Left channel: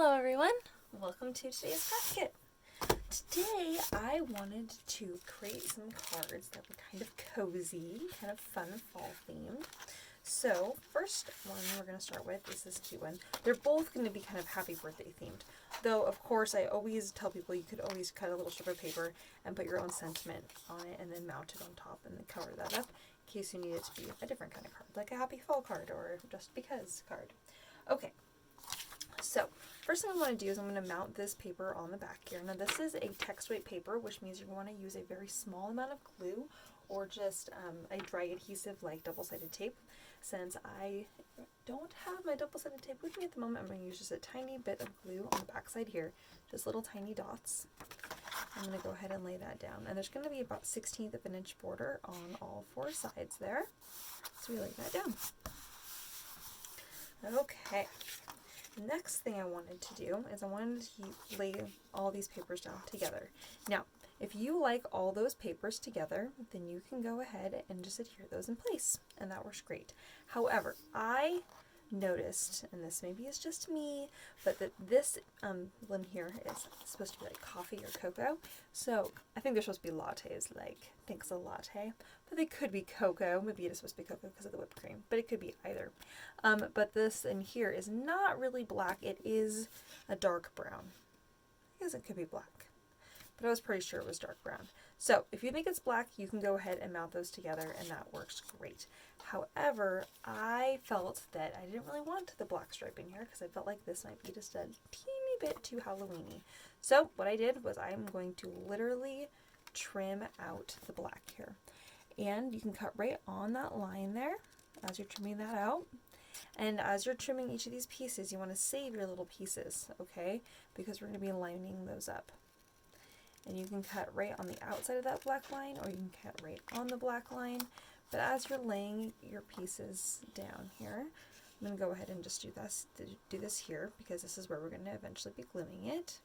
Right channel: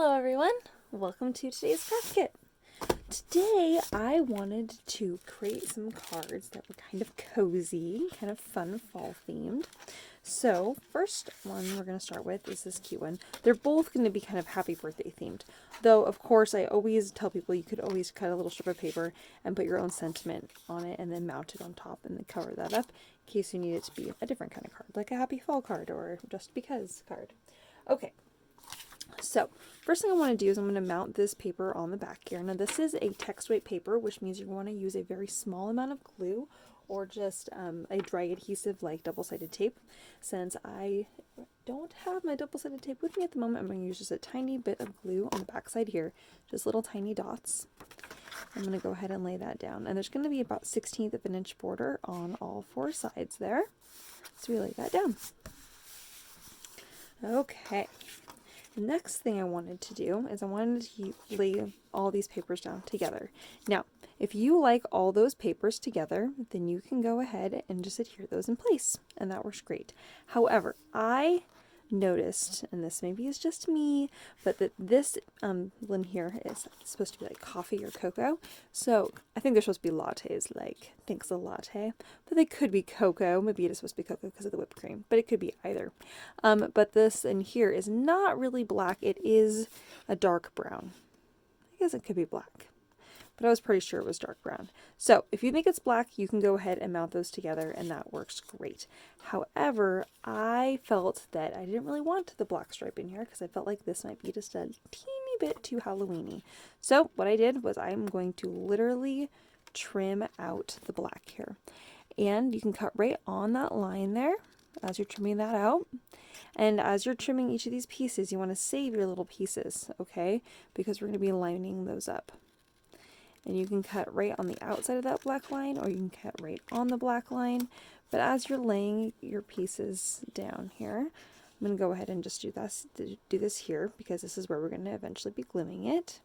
Hello everyone, welcome to today's craft kit. Today I wanted to create some cards that were kind of cozy, kind of fun fall themed. So first one we're going to start with is this cute one. They're both going to be kind of happy birthday themed. Though of course I always tell people you could always cut a little strip of paper and put your own sentiment on it and then mount it on top and then cover that up in case you need it to be a different kind of card, like a happy fall card or just because card. Okay. So, first thing I want to do is I'm going to mount this paper on the back here. Now this is a text weight paper, which means you're going to use a very small amount of glue or just a dry adhesive like double-sided tape. Since I don't have my double-sided tape with me at the moment, I'm going to use just a tiny bit of glue on the back side here, just little tiny dots. I'm going to go ahead and lay that down. And there's going to be about 1/16 of an inch border on all four sides there. So we lay that down. Okay. Next thing I wanted to do is I wanted to lay all these papers down together. Now, if you like all those papers together, then you can go ahead and just adhere those in place, and that works great. However, I noticed, and this maybe is just me, but that this limb here is supposed to be like coffee or cocoa. So I think they're supposed to be lattes, like thanks a latte, but they could be cocoa. Maybe it is supposed to be cocoa because of the whipped cream, but it could be either. But this in here is not really black. It is a dark brown. I guess it could be black, but I was pretty sure it was dark brown. So if you think it's black, you can go ahead and mount those together and that works great. However, I felt that I didn't really want the black stripe in here because I felt like this might be just a teeny bit too Halloween-y. So what I did was I'm going to literally trim out the black here. And you can cut right on that line there as you're trimming that out. And as you're trimming each of these pieces, you want to save your little pieces, okay? Because we're going to be lining those up. And you can cut right on the outside of that black line, or you can cut right on the black line. But as you're laying your pieces down here, I'm going to go ahead and just do this here, because this is where we're going to eventually be gluing it.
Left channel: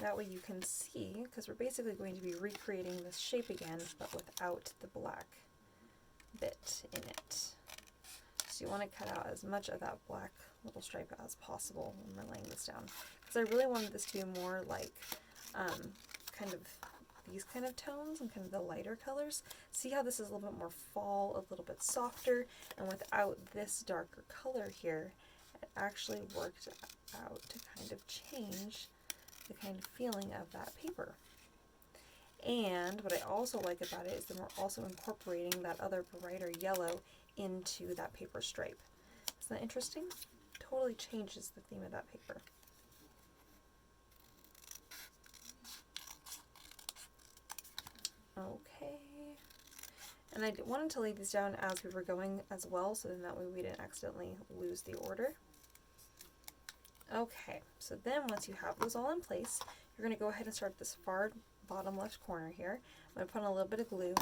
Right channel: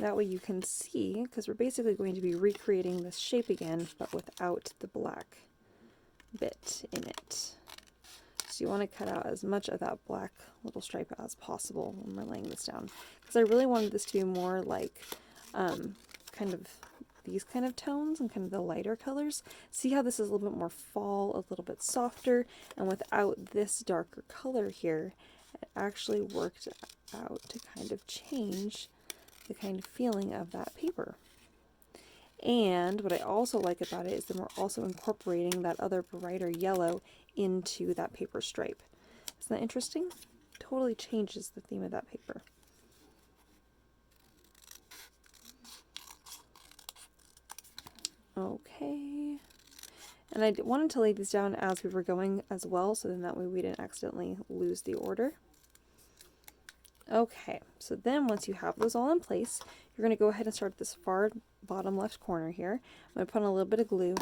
That way you can see, because we're basically going to be recreating this shape again, but without the black bit in it. So you want to cut out as much of that black little stripe as possible when we're laying this down. Because I really wanted this to be more like kind of these kind of tones and kind of the lighter colors. See how this is a little bit more fall, a little bit softer, and without this darker color here, it actually worked out to kind of change the kind of feeling of that paper. And what I also like about it is that we're also incorporating that other brighter yellow into that paper stripe. Isn't that interesting? Totally changes the theme of that paper. Okay, and I wanted to lay these down as we were going as well, so then that way we didn't accidentally lose the order. Okay, so then once you have those all in place, you're going to go ahead and start at this far bottom left corner here. I'm going to put on a little bit of glue,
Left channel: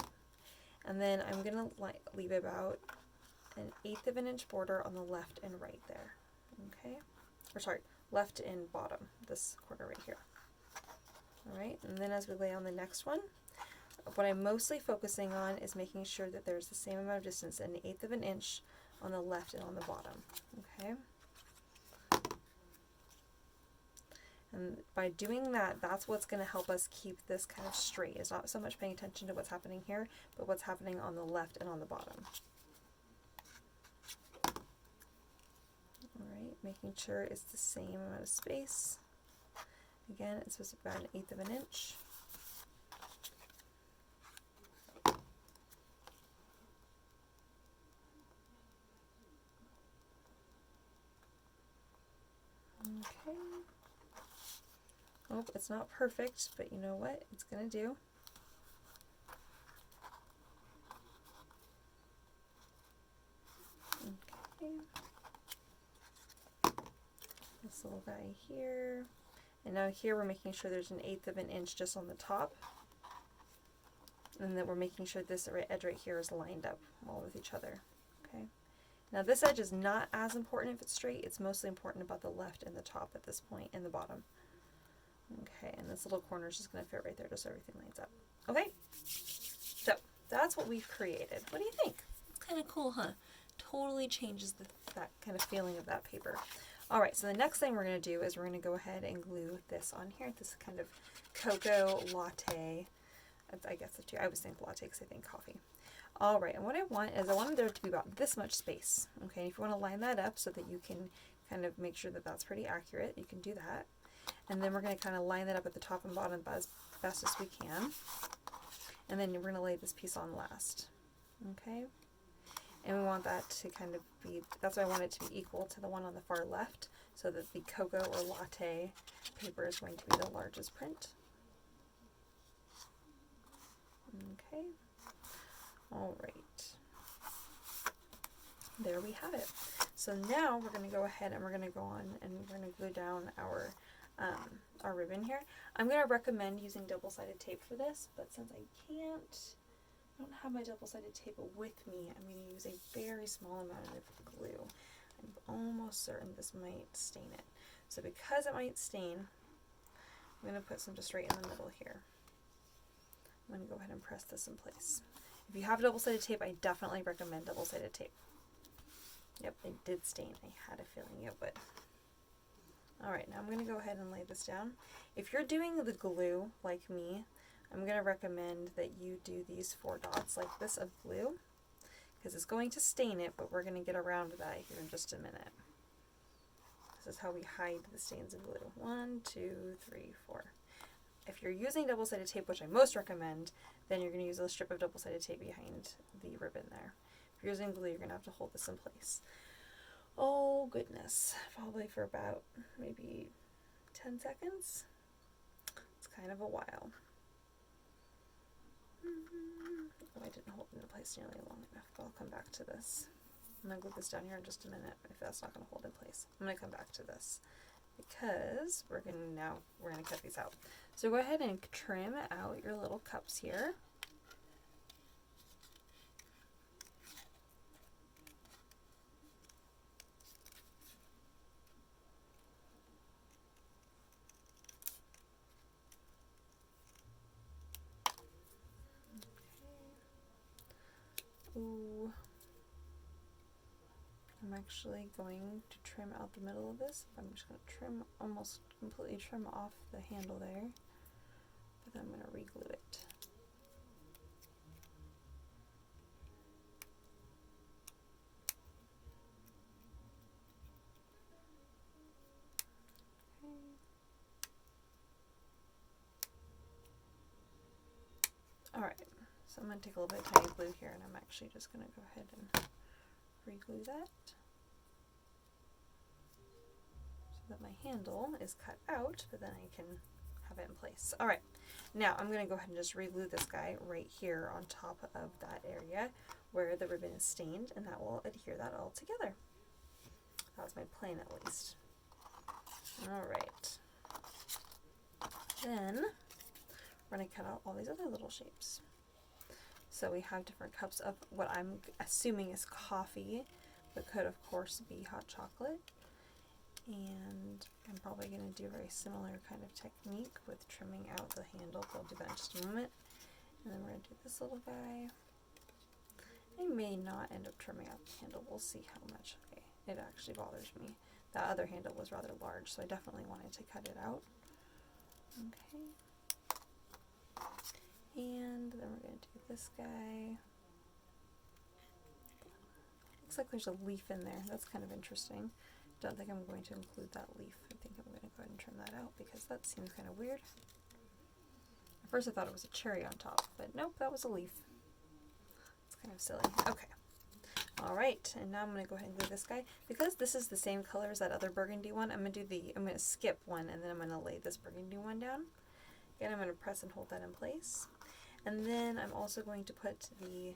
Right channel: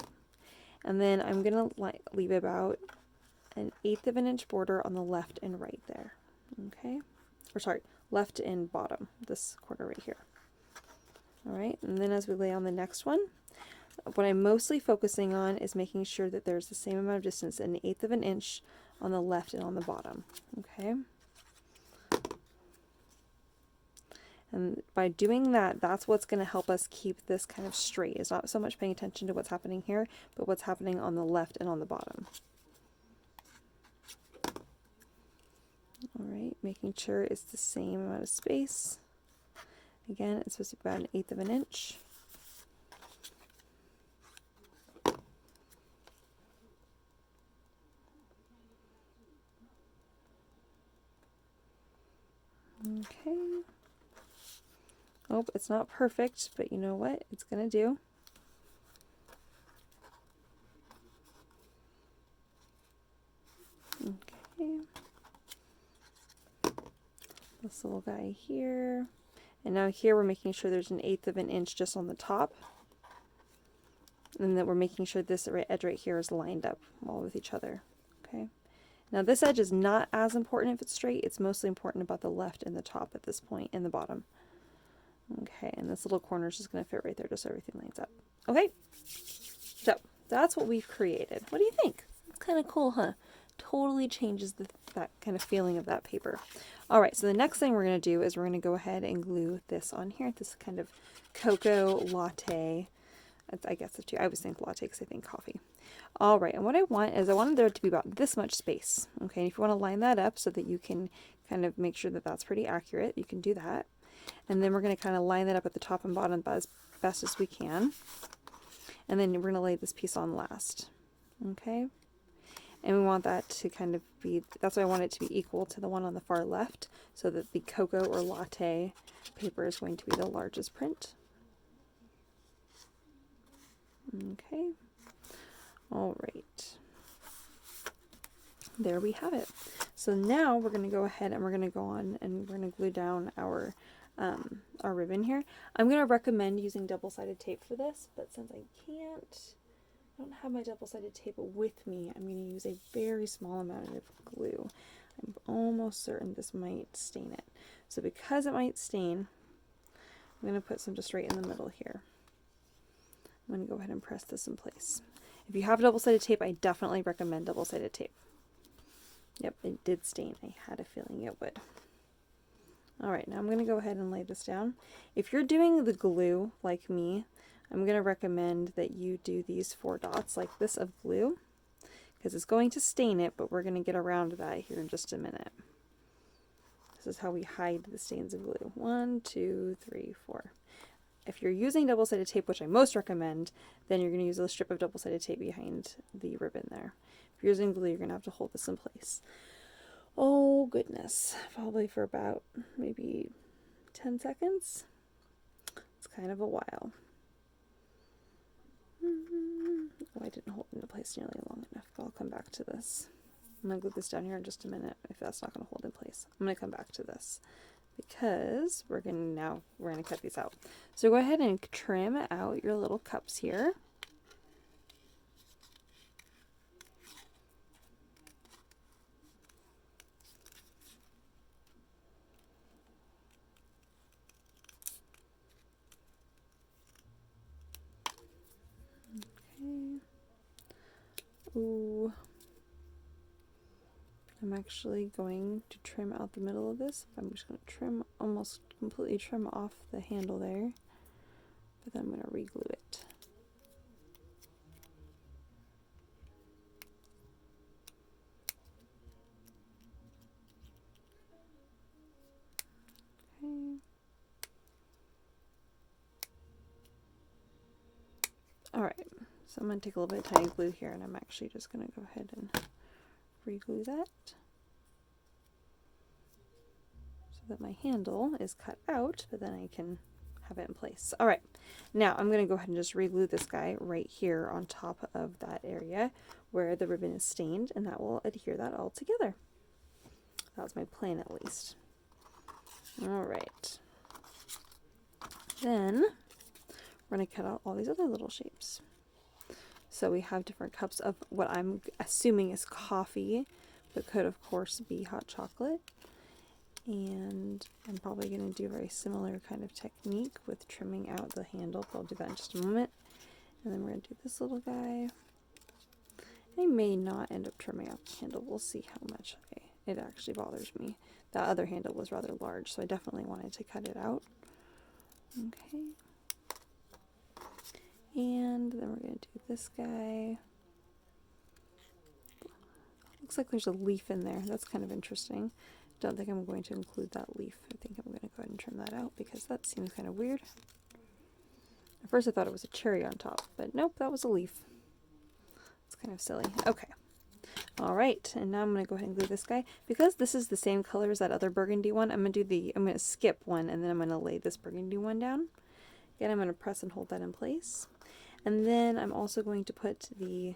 and then I'm going to leave about 1/8 of an inch border on the left and right there. Okay, or sorry, left and bottom, this corner right here. All right, and then as we lay on the next one, what I'm mostly focusing on is making sure that there's the same amount of distance, 1/8 of an inch on the left and on the bottom. Okay. And by doing that, that's what's going to help us keep this kind of straight. It's not so much paying attention to what's happening here, but what's happening on the left and on the bottom. All right, making sure it's the same amount of space. Again, it's supposed to be about 1/8 of an inch. Okay. Oh, it's not perfect, but you know what? It's gonna do. Okay. This little guy here. And now here we're making sure there's 1/8 of an inch just on the top. And then we're making sure this edge right here is lined up all with each other. Okay. Now this edge is not as important if it's straight. It's mostly important about the left and the top at this point and the bottom. Okay, and this little corner is just going to fit right there just so everything lines up. Okay, so that's what we've created. What do you think? It's kind of cool, huh? Totally changes that kind of feeling of that paper. All right, so the next thing we're going to do is we're going to go ahead and glue this on here. This kind of cocoa latte. I guess the two. I always think latte because I think coffee. All right, and what I want is I wanted there to be about this much space. Okay, and if you want to line that up so that you can kind of make sure that that's pretty accurate, you can do that. And then we're going to kind of line that up at the top and bottom as best as we can. And then we're going to lay this piece on last. Okay, and we want that to kind of be, that's why I want it to be equal to the one on the far left, so that the cocoa or latte paper is going to be the largest print. Okay, all right, there we have it. So now we're going to go ahead and we're going to go on and we're going to glue down our ribbon here. I'm going to recommend using double-sided tape for this, but since I don't have my double-sided tape with me, I'm going to use a very small amount of glue. I'm almost certain this might stain it. So because it might stain, I'm going to put some just right in the middle here. I'm going to go ahead and press this in place. If you have double-sided tape, I definitely recommend double-sided tape. Yep, it did stain. I had a feeling it would. Alright, now I'm going to go ahead and lay this down. If you're doing the glue like me, I'm going to recommend that you do these 4 dots like this of glue, because it's going to stain it, but we're going to get around that here in just a minute. This is how we hide the stains of glue. 1, 2, 3, 4. If you're using double-sided tape, which I most recommend, then you're going to use a strip of double-sided tape behind the ribbon there. If you're using glue, you're going to have to hold this in place. Oh goodness, probably for about maybe 10 seconds. It's kind of a while. Oh, I didn't hold it in place nearly long enough, but I'll come back to this. I'm going to glue this down here in just a minute if that's not going to hold in place. I'm going to come back to this because we're going to cut these out. So go ahead and trim out your little cups here. Ooh. I'm actually going to trim out the middle of this. I'm just going to trim, almost completely trim off the handle there, but then I'm going to re-glue it. Okay. Alright, so I'm going to take a little bit of tiny glue here, and I'm actually just going to go ahead and re-glue that so that my handle is cut out, but then I can have it in place. Alright, now I'm going to go ahead and just re-glue this guy right here on top of that area where the ribbon is stained, and that will adhere that all together. That was my plan, at least. Alright, then we're going to cut out all these other little shapes. So we have different cups of what I'm assuming is coffee, but could of course be hot chocolate. And I'm probably going to do a very similar kind of technique with trimming out the handle, but I'll do that in just a moment. And then we're going to do this little guy. I may not end up trimming out the handle. We'll see how much it actually bothers me. That other handle was rather large, so I definitely wanted to cut it out. Okay. And then we're going to do this guy. Looks like there's a leaf in there. That's kind of interesting. Don't think I'm going to include that leaf. I think I'm going to go ahead and trim that out because that seems kind of weird. At first I thought it was a cherry on top, but nope, that was a leaf. It's kind of silly. Okay. Alright, and now I'm going to go ahead and glue this guy. Because this is the same color as that other burgundy one, I'm going to skip one, and then I'm going to lay this burgundy one down. Again, I'm going to press and hold that in place. And then I'm also going to put the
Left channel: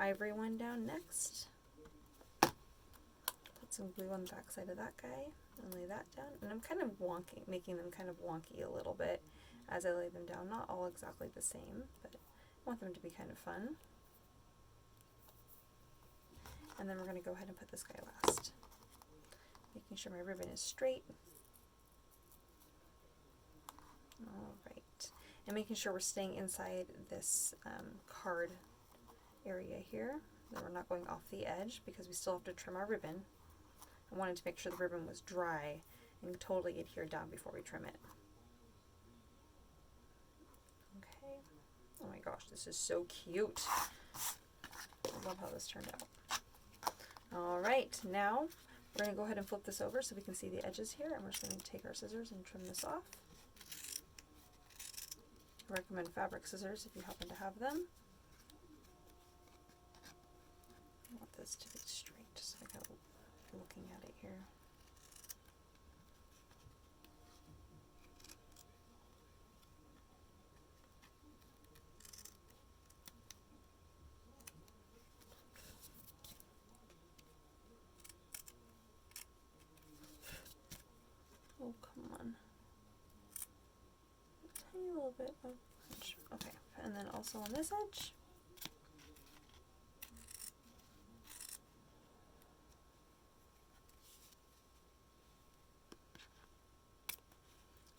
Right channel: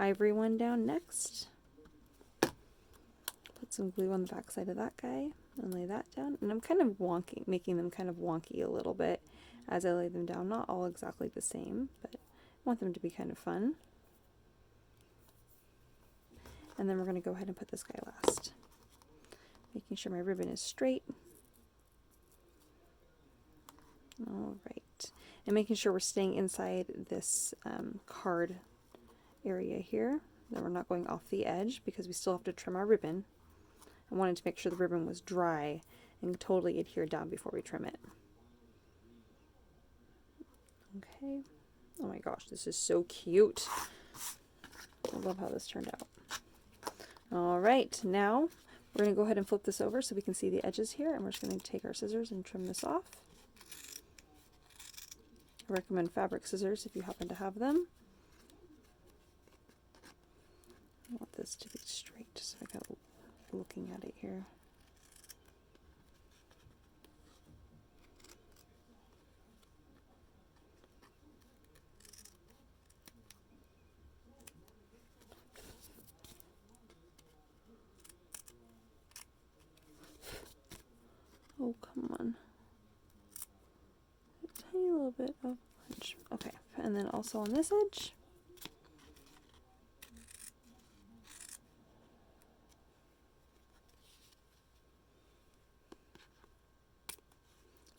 ivory one down next. Put some glue on the back side of that guy and lay that down. And I'm kind of wonky, making them kind of wonky a little bit as I lay them down. Not all exactly the same, but I want them to be kind of fun. And then we're going to go ahead and put this guy last. Making sure my ribbon is straight. Alright. And making sure we're staying inside this card area here. Then we're not going off the edge because we still have to trim our ribbon. I wanted to make sure the ribbon was dry and totally adhered down before we trim it. Okay. Oh my gosh, this is so cute. I love how this turned out. All right, now we're going to go ahead and flip this over so we can see the edges here, and we're just going to take our scissors and trim this off. I recommend fabric scissors if you happen to have them. I want this to be straight, so I got looking at it here. Oh, come on. A tiny little bit of edge. Okay, and then also on this edge.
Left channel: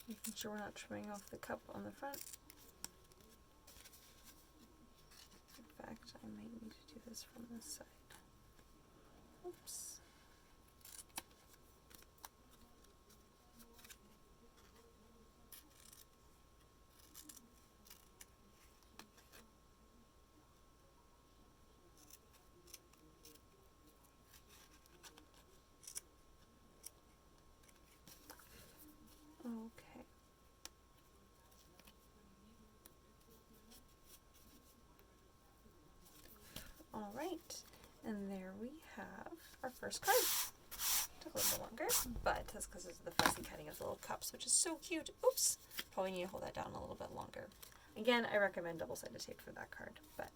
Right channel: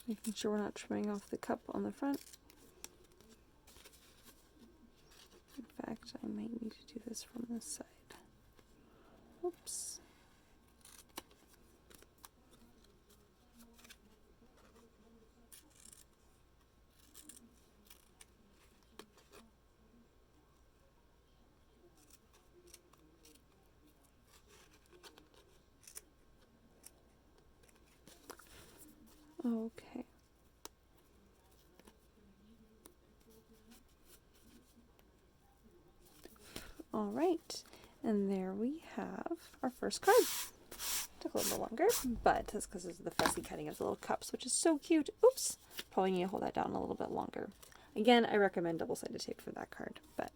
Making sure we're not trimming off the cup on the front. In fact, I might need to do this from this side. Oops. Okay. All right, and there we have our first card. Took a little bit longer, but that's because of the fussy cutting of the little cups, which is so cute. Oops, probably need to hold that down a little bit longer. Again, I recommend double-sided tape for that card, but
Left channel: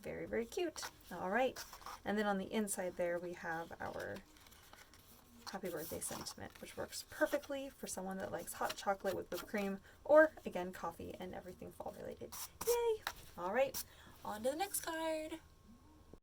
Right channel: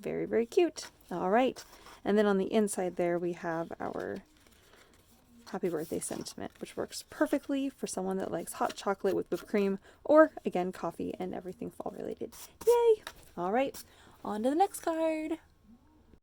very, very cute. All right, and then on the inside there we have our happy birthday sentiment, which works perfectly for someone that likes hot chocolate with whipped cream, or again, coffee and everything fall related. Yay! All right, on to the next card.